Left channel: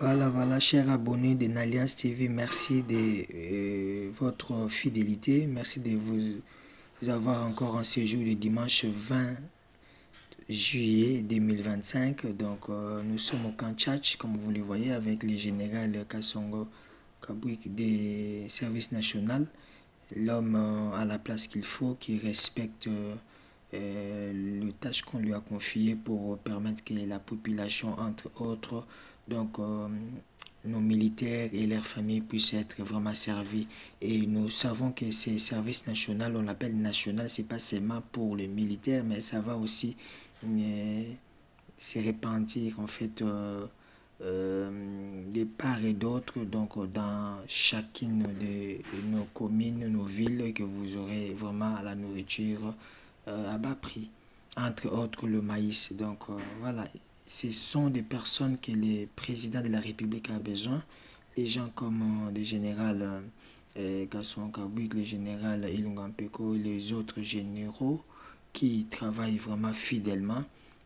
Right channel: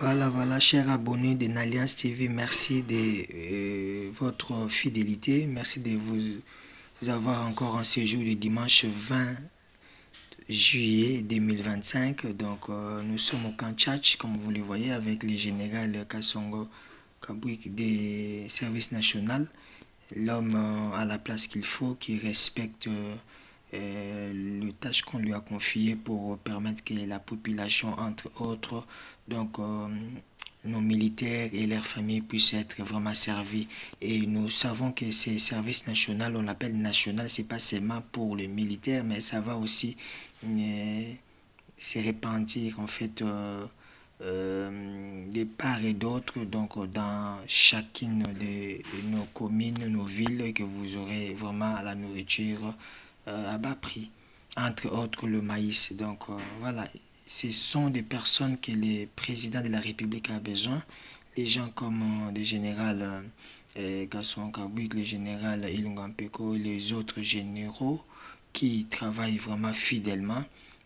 Voilà, chers abonnés de Nalliance TV, merci de votre fidélité. Merci de vous avoir encore en séjour le dimanche 20 juillet 2025. Donc, nous sommes au camp Tchatch, comme vous le voyez, avec le général Kassongo Kabouik des services nationaux. L'homme à la place qu'il faut, qui respecte le tâche qu'on lui a confié pour permettre que la population, entre autres, donc nos militaires et leurs familles puissent être vraiment servis. Et nous savons que ces services nationaux, on l'appelle national, c'est pas seulement pour les militaires, mais ça va aussi se répandir en fait de part et d'autre, donc dans chacune de nos communes, nos villes, que vous aurez vraiment la nourriture à bas prix, entre autres le maïs. Donc voilà, ce sont des personnes que le président de la République a besoin, les gens comme le général Gaston Kabouik, le général Ilunga Mpeko et les autres généraux qui travaillent vraiment fidèlement,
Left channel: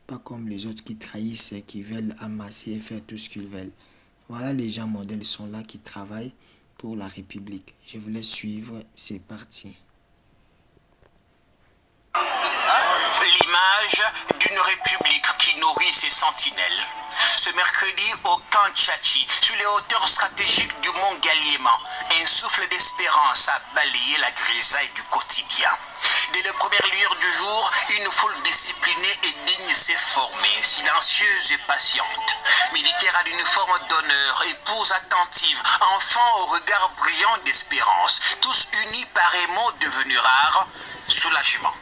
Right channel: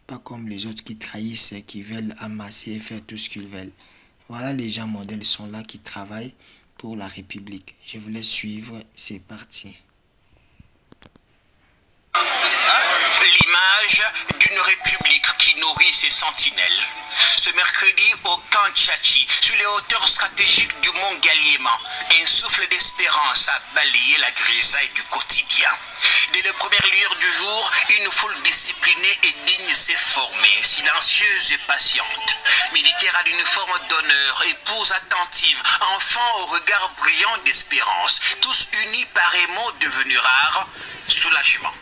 pas comme les autres qui trahissent, qui veulent amasser et faire tout ce qu'ils veulent. Voilà, les gens modèles sont là qui travaillent pour la République. Je vous laisse suivre, c'est parti. L'image d'une république qui nourrit ses sentinelles. Ce mercredi, au camp Tchatchi, sur les hauteurs stratégiques du mont Galliéman, un souffle d'espérance a balayé la grisaille du quotidien. Dès les premières lueurs du jour, une foule disciplinée et digne s'est formée, silencieuse et patiente. Militaires à l'uniforme d'honneur, épouses attentives, enfants au regard brillant d'espérance, tous unis par un mot devenu rare, soulagement.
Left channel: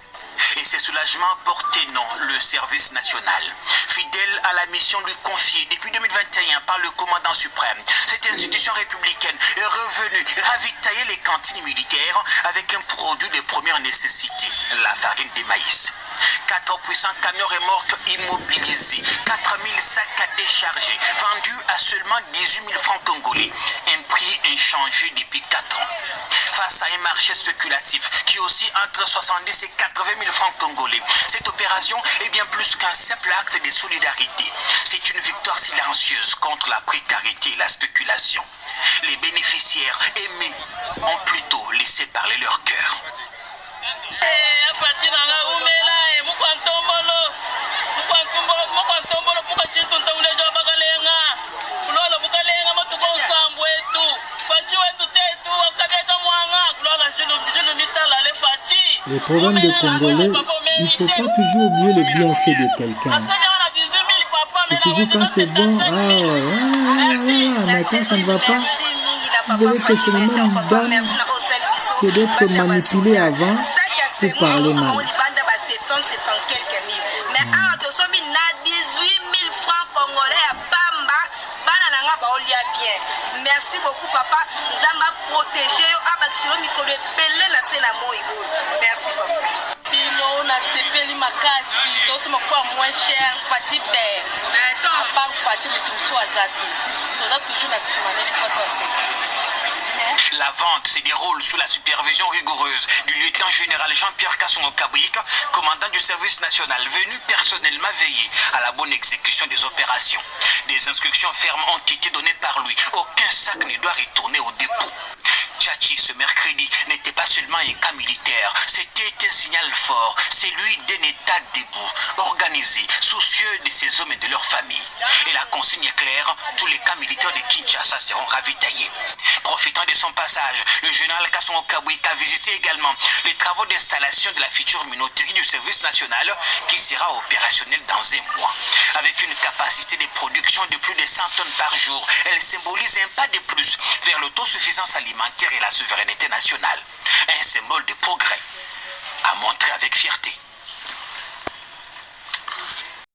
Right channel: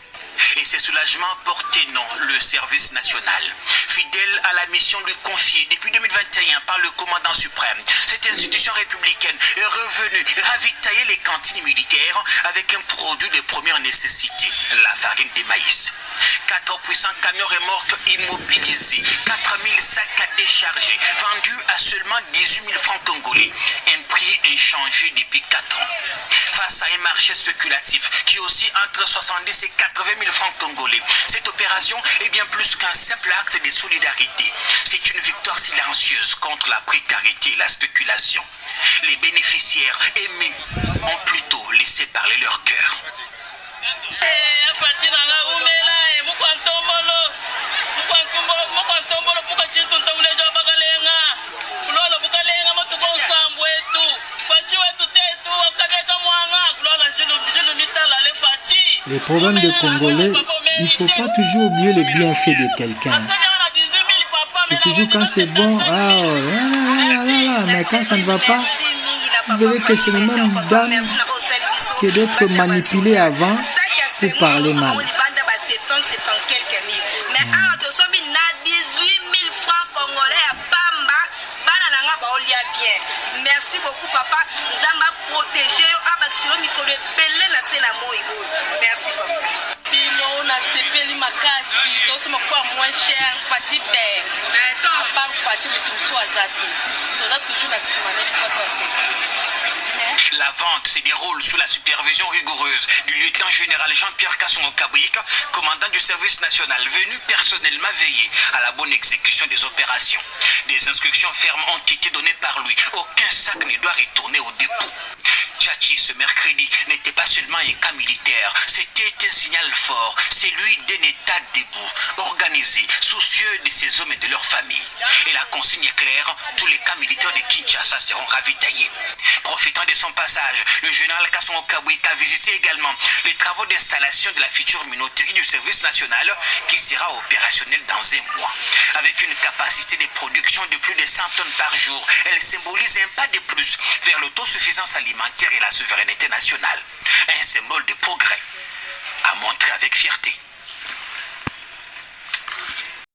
Et ces soulagements portaient non le service national. Fidèle à la mission lui confiée depuis 2021 par le commandant suprême, cette institution républicaine est revenue ravitailler les cantines militaires avec un produit de première nécessité, la farine de maïs. 4 puissants camions remorques immobilisés, 4000 sacs à décharger, vendus à seulement 18 000 francs congolais, un prix inchangé depuis 4 ans. Face à un marché spéculatif qui oscille entre 70 et 80 000 francs congolais, cette opération est bien plus qu'un simple acte de solidarité. C'est une victoire silencieuse contre la précarité et la spéculation. Les bénéficiaires aimés ont plutôt laissé parler leur cœur. Les problèmes des Congolais, il ne faut pas toujours oublier le bienfait de quelqu'un. C'est toujours quand c'est bon, mais quand ça ne va pas, vous verrez que c'est le même dame que d'être manipulé avant pour parler mal. Merci beaucoup papa, Zamba protégé, merci papa. Bino na sepeli makasi, tosema kwa moins cher, fati be. À part fati le tout soit zatu. On a toujours la simane biso. La vente se déroule sous la supervision rigoureuse du lieutenant-général Jean-Pierre Kassongo Kabouik, commandant du service national, venu personnellement veiller à la bonne exécution des opérations. Des instructions fermes ont été données par lui. Aucun sac ne doit retourner au dépôt. Tchatchi, ce mercredi, n'était pas seulement un cas militaire, c'était un signal fort, celui d'un État debout, organisé, soucieux de ses hommes et de leurs familles. Et la consigne est claire, tous les cas militaires de Kinshasa seront ravitaillés. Profitant de son passage, le général Kassongo Kabouik a visité également les travaux d'installation de la future minoterie du service national qui sera opérationnelle dans un mois. Avec une capacité de production de plus de 100 tonnes par jour, elle symbolise un pas de plus vers l'autosuffisance alimentaire et la souveraineté nationale. Un symbole de progrès à montrer avec fierté.